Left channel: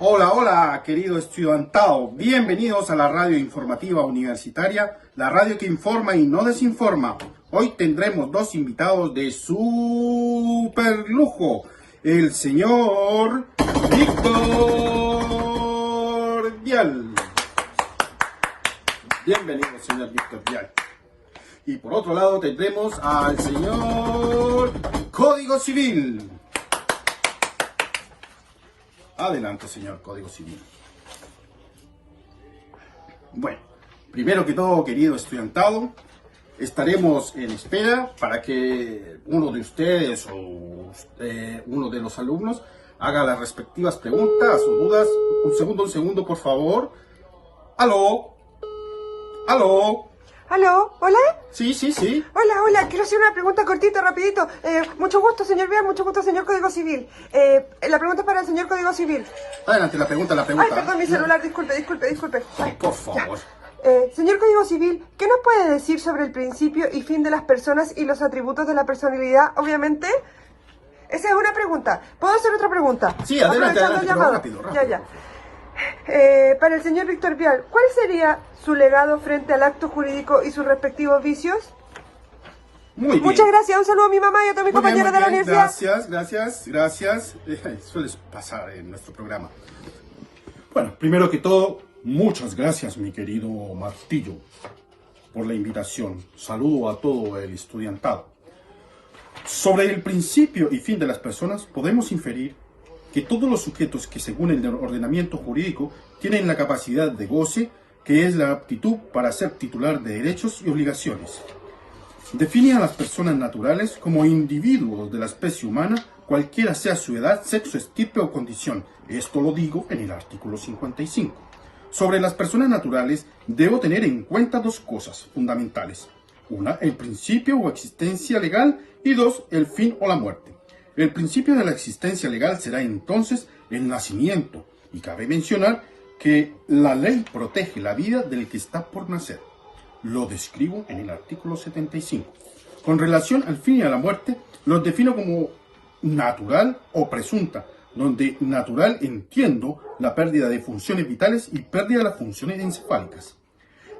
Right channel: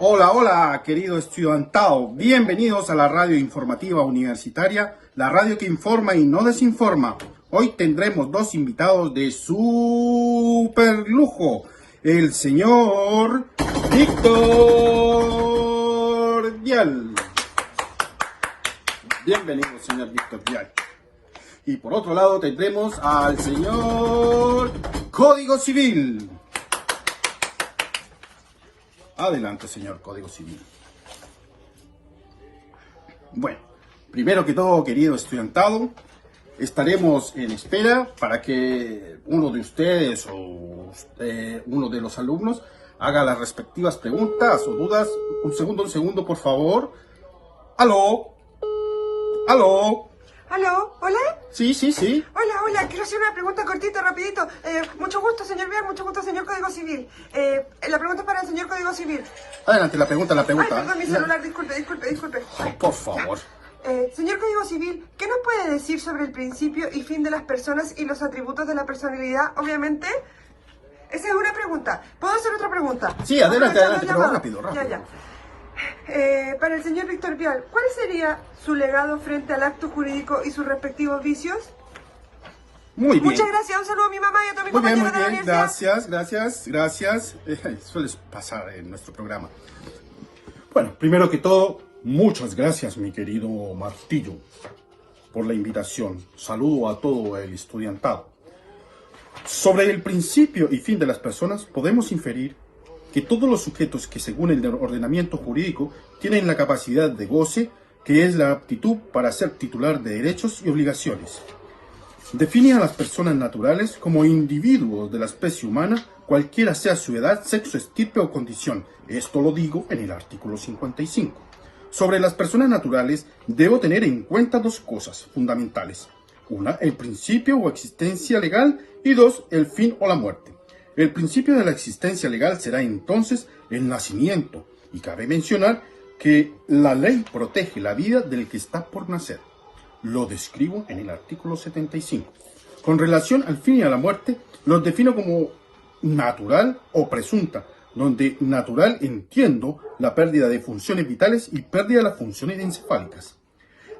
Hola, hola, querido estudiantado. Bienvenidos a la radio informativa universitaria, la radio que informa y no desinforma. Hoy tendremos dos invitados de super lujo. El señor Víctor Vial. Bienvenido, señor Víctor Vial. Y por otro lado tendremos al señor Código Civil. Adelante, señor Código Civil. Bueno, primero que todo, querido estudiantado, estaremos en espera para que uno de ustedes o uno de los alumnos haga las respectivas preguntas o dudas. Un segundo, por favor. ¿Aló? ¿Aló? ¿Hola? Sí. Hola, quiero hacer una pregunta cortita, rapidito. Mucho gusto, señor Vial, mucho gusto, señor Código Civil. La pregunta es para el señor Código Civil. Adelante, la pregunta. Ay, perdón, mi celular, disculpe. Oh, por favor. Señor Código Civil, ¿qué nos puede decir sobre el principio y fin de las personas y los atributos de la personalidad, obviamente? Esa es una pregunta. ¿Puedo hacer otra pregunta? Sí, adelante, Pero rápido. Ya. Para el señor Víctor Vial, ¿cuál sería su legado frente al acto jurídico y sus respectivos vicios? Muy bien. Muchas gracias, un saludo a mi mamá y a toda mi compañera de la universidad. Gracias. Suele pasar en nuestro programa. Bueno, primero que todo, muchas gracias, mi querido Martillo, por la invitación. Saludo a todo el estudiantado. Sobre el principio y fin de las personas, podemos inferir que todos los sujetos que, según el ordenamiento jurídico, tienen la capacidad de goce, que es la aptitud para ser titular de derechos y obligaciones. Define a las personas naturales como individuos de la especie humana, cualquiera sea su edad, sexo, estirpe o condición. Esto lo digo en el artículo 55. Sobre las personas naturales, debo tener en cuenta dos cosas fundamentales. Una, el principio o existencia legal, y dos, el fin o la muerte. El principio de la existencia legal será entonces el nacimiento, y cabe mencionar que la ley protege la vida del que está por nacer. Lo describo en el artículo 75. Con relación al fin y a la muerte, los defino como natural o presunta, donde natural entiendo la pérdida de funciones vitales y pérdida de las funciones encefálicas.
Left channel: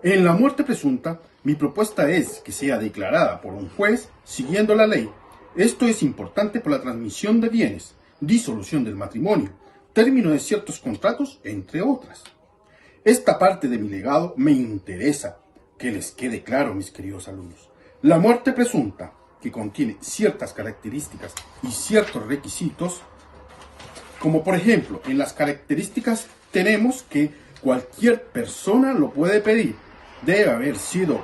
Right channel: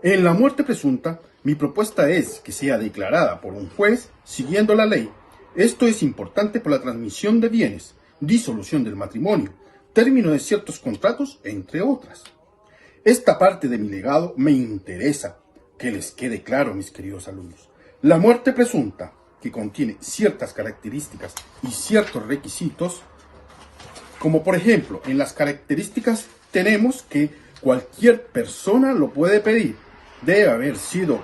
En la muerte presunta, mi propuesta es que sea declarada por un juez siguiendo la ley. Esto es importante por la transmisión de bienes, disolución del matrimonio, término de ciertos contratos, entre otras. Esta parte de mi legado me interesa que les quede claro, mis queridos alumnos. La muerte presunta, que contiene ciertas características y ciertos requisitos, como por ejemplo, en las características tenemos que cualquier persona lo puede pedir. Debe haber sido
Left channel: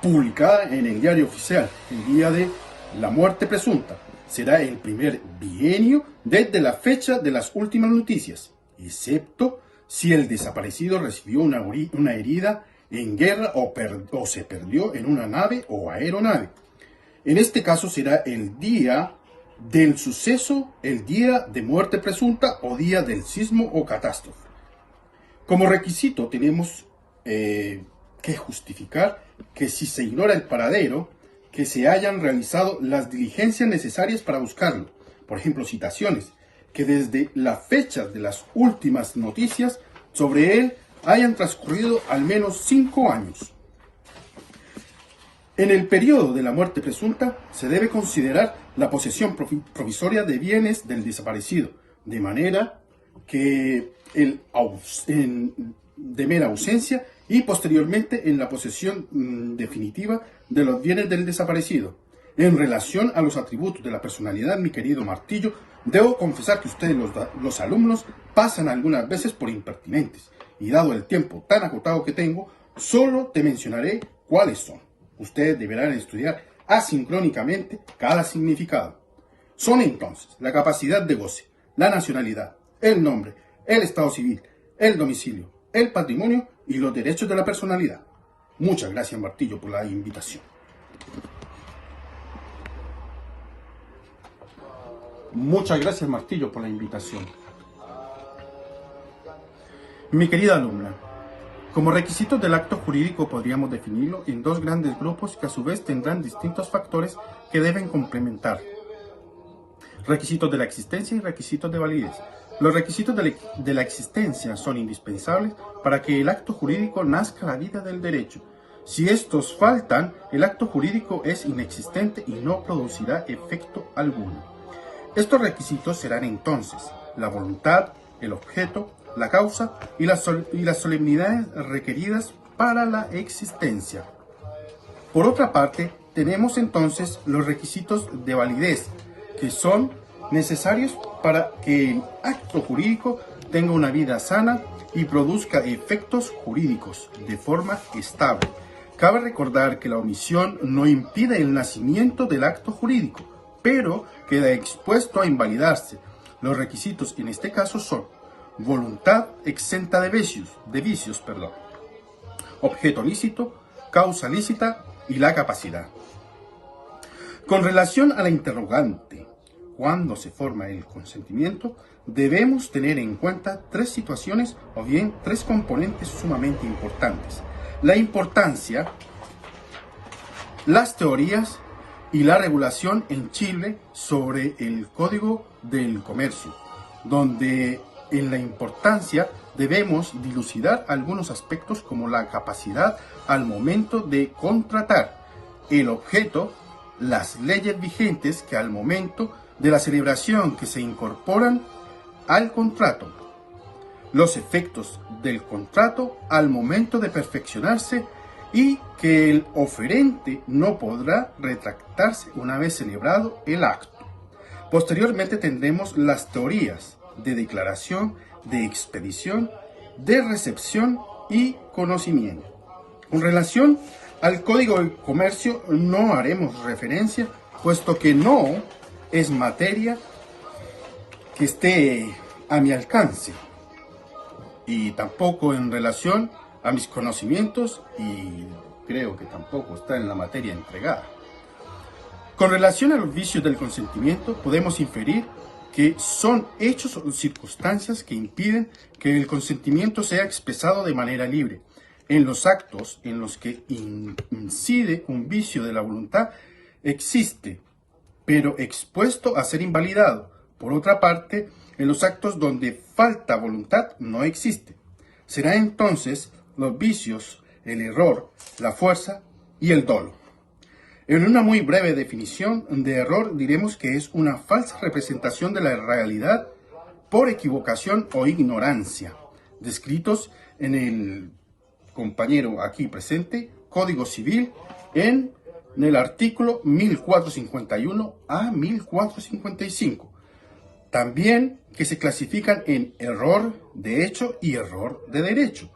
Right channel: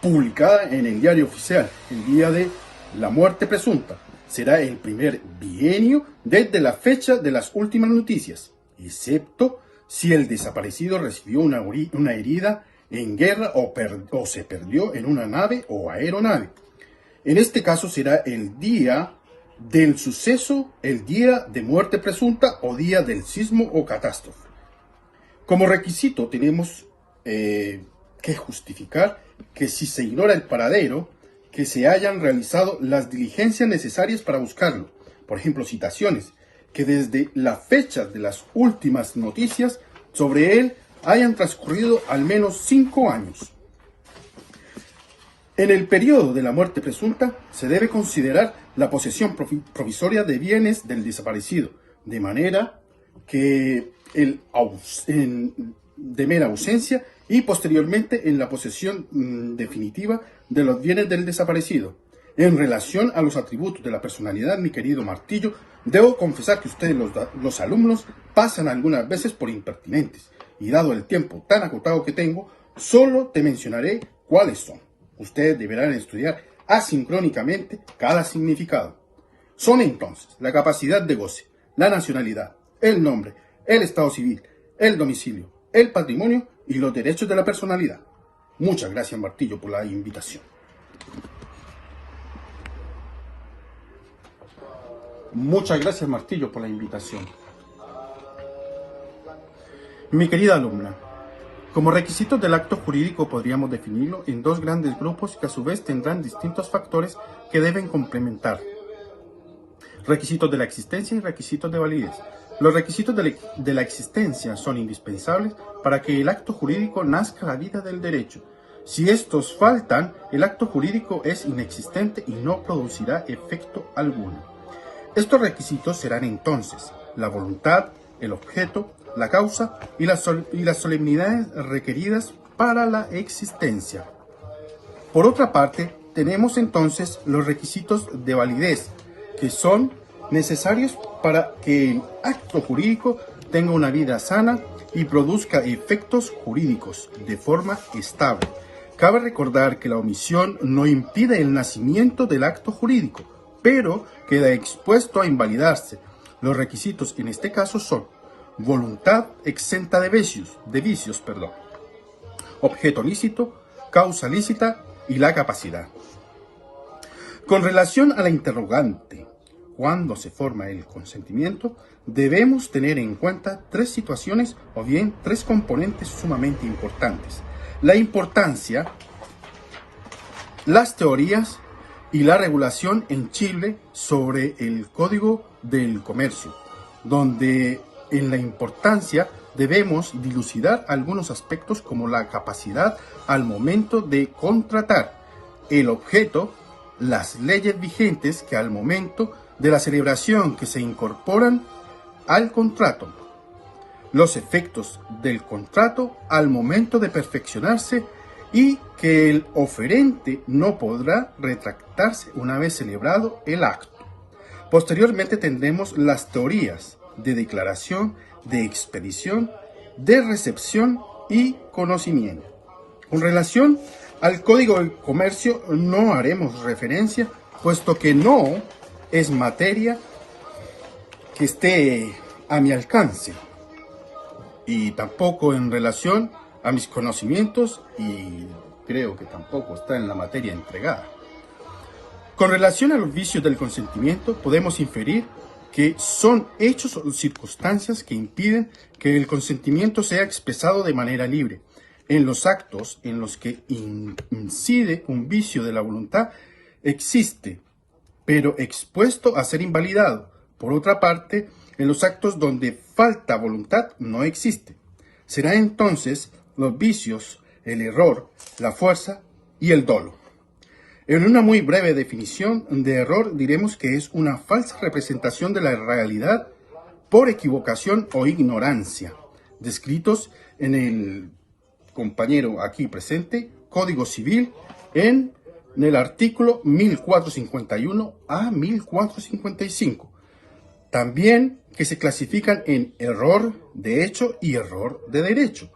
publicada en el diario oficial el día de la muerte presunta. Será el primer bienio desde la fecha de las últimas noticias, excepto si el desaparecido recibió una herida en guerra o se perdió en una nave o aeronave. En este caso será el día del suceso, el día de muerte presunta o día del sismo o catástrofe. Como requisito tenemos que justificar que si se ignora el paradero, que se hayan realizado las diligencias necesarias para buscarlo. Por ejemplo, citaciones, que desde la fecha de las últimas noticias sobre él hayan transcurrido al menos 5 años. En el periodo de la muerte presunta se debe considerar la posesión provisoria de bienes del desaparecido, de manera que de mera ausencia y posteriormente en la posesión definitiva de los bienes del desaparecido. En relación a los atributos de la personalidad, mi querido Martillo, debo confesar que ustedes, los alumnos, pasan algunas veces por impertinentes, y dado el tiempo tan acotado que tengo, solo te mencionaré cuáles son. Ustedes deberán estudiar asincrónicamente cada significado. Son entonces la capacidad de goce, la nacionalidad, el nombre, el estado civil, el domicilio, el patrimonio y los derechos de la personalidad. Muchas gracias, Martillo, por la invitación. Muchas gracias, Martillo, por la invitación. Mi querida alumna, como requisitos del acto jurídico podríamos definirlo en dos grandes grupos que a su vez tendrán distintos factores que deben complementar. Requisitos de la existencia y requisitos de validez. Los requisitos de la existencia son indispensables para que el acto jurídico nazca a la vida del derecho. Si estos faltan, el acto jurídico es inexistente y no producirá efecto alguno. Estos requisitos serán entonces la voluntad, el objeto, la causa y las solemnidades requeridas para la existencia. Por otra parte, tenemos entonces los requisitos de validez, que son necesarios para que el acto jurídico tenga una vida sana y produzca efectos jurídicos de forma estable. Cabe recordar que la omisión no impide el nacimiento del acto jurídico, pero queda expuesto a invalidarse. Los requisitos en este caso son voluntad exenta de vicios, objeto lícito, causa lícita y la capacidad. Con relación a la interrogante, cuando se forma el consentimiento, debemos tener en cuenta tres situaciones o bien tres componentes sumamente importantes: la importancia, las teorías y la regulación en Chile sobre el Código del Comercio, donde en la importancia debemos dilucidar algunos aspectos como la capacidad al momento de contratar, el objeto, las leyes vigentes que al momento de la celebración que se incorporan al contrato, los efectos del contrato al momento de perfeccionarse y que el oferente no podrá retractarse una vez celebrado el acto. Posteriormente tendremos las teorías de declaración, de expedición, de recepción y conocimiento. Con relación al Código del Comercio no haremos referencia, puesto que no es materia que esté a mi alcance y tampoco en relación a mis conocimientos, y creo que tampoco está en la materia entregada. Con relación a los vicios del consentimiento, podemos inferir que son hechos o circunstancias que impiden que el consentimiento sea expresado de manera libre. En los actos en los que incide un vicio de la voluntad existe, pero expuesto a ser invalidado. Por otra parte, en los actos donde falta voluntad no existe. Será entonces los vicios, el error, la fuerza y el dolo. En una muy breve definición de error diremos que es una falsa representación de la realidad por equivocación o ignorancia, descritos en el compañero aquí presente, Código Civil, en el artículo 1451 a 1455. También que se clasifican en error de hecho y error de derecho.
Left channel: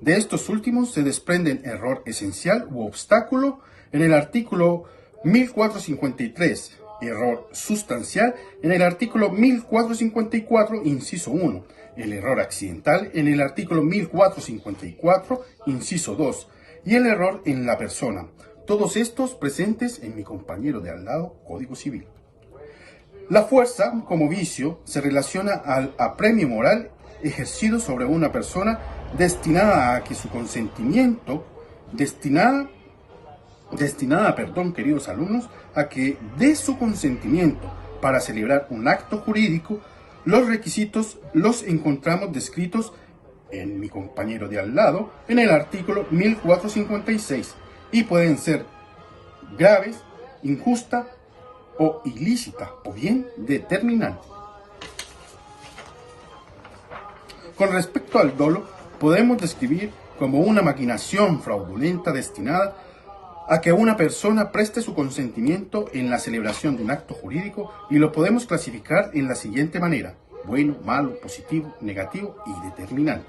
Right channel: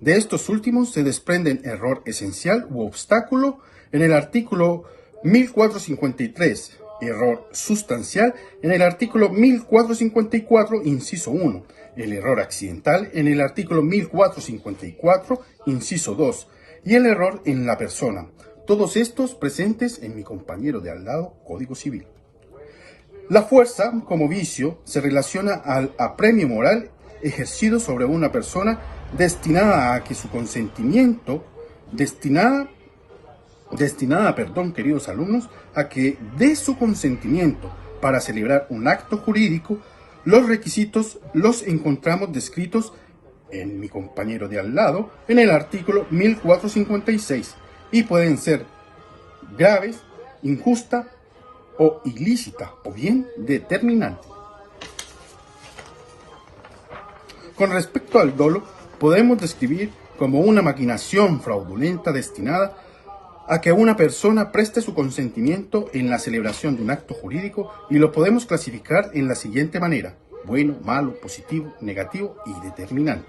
De estos últimos se desprenden error esencial u obstáculo en el artículo 1453, error sustancial en el artículo 1454, inciso 1, el error accidental en el artículo 1454, inciso 2, y el error en la persona. Todos estos presentes en mi compañero de al lado, Código Civil. La fuerza, como vicio, se relaciona al apremio moral ejercido sobre una persona destinada a que su consentimiento, queridos alumnos, a que dé su consentimiento para celebrar un acto jurídico. Los requisitos los encontramos descritos en mi compañero de al lado, en el artículo 1456, y pueden ser graves, injusta o ilícita, o bien determinante. Con respecto al dolo, podemos describir como una maquinación fraudulenta destinada a que una persona preste su consentimiento en la celebración de un acto jurídico, y lo podemos clasificar en la siguiente manera: bueno, malo, positivo, negativo y determinante.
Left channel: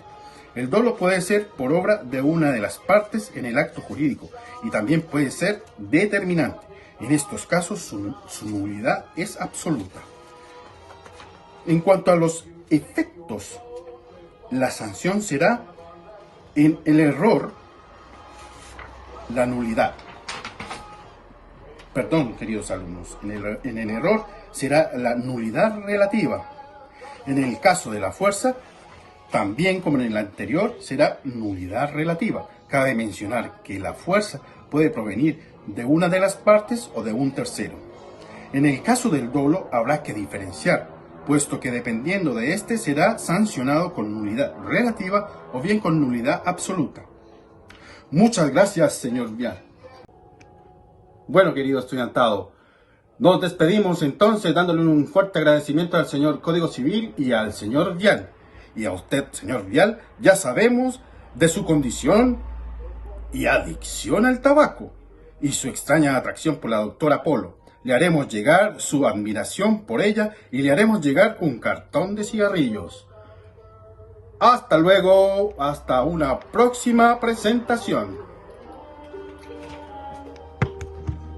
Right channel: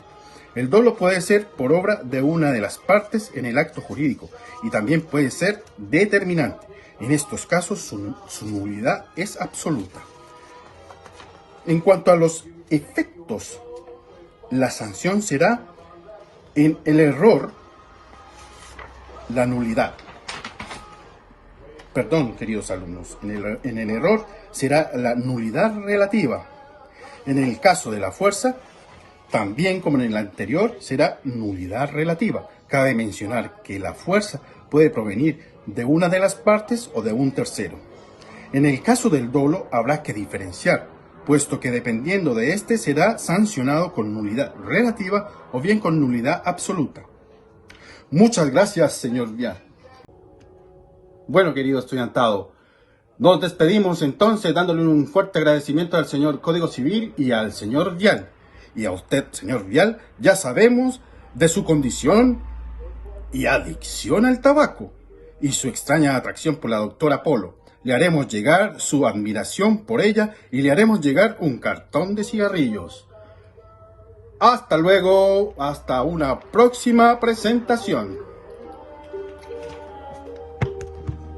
El dolo puede ser por obra de una de las partes en el acto jurídico y también puede ser determinante. En estos casos su nulidad es absoluta. En cuanto a los efectos, la sanción será en el error, la nulidad. Perdón, queridos alumnos, en el error será la nulidad relativa. En el caso de la fuerza, también como en el anterior, será nulidad relativa. Cabe mencionar que la fuerza puede provenir de una de las partes o de un tercero. En el caso del dolo habrá que diferenciar puesto que dependiendo de este será sancionado con nulidad relativa o bien con nulidad absoluta. Muchas gracias, señor Vial. Bueno, querido estudiantado, nos despedimos entonces dándole un fuerte agradecimiento al señor Código Civil y al señor Vial. Y a usted, señor Vial, ya sabemos de su condición y adicción al tabaco y su extraña atracción por la doctora Polo. Le haremos llegar su admiración por ella y le haremos llegar un cartón de cigarrillos. Hasta luego, hasta una próxima presentación.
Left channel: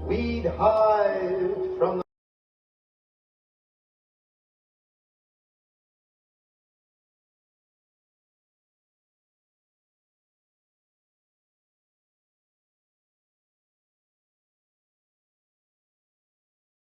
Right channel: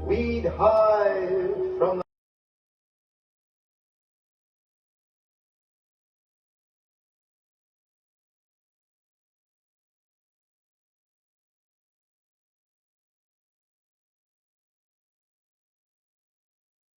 We'd hide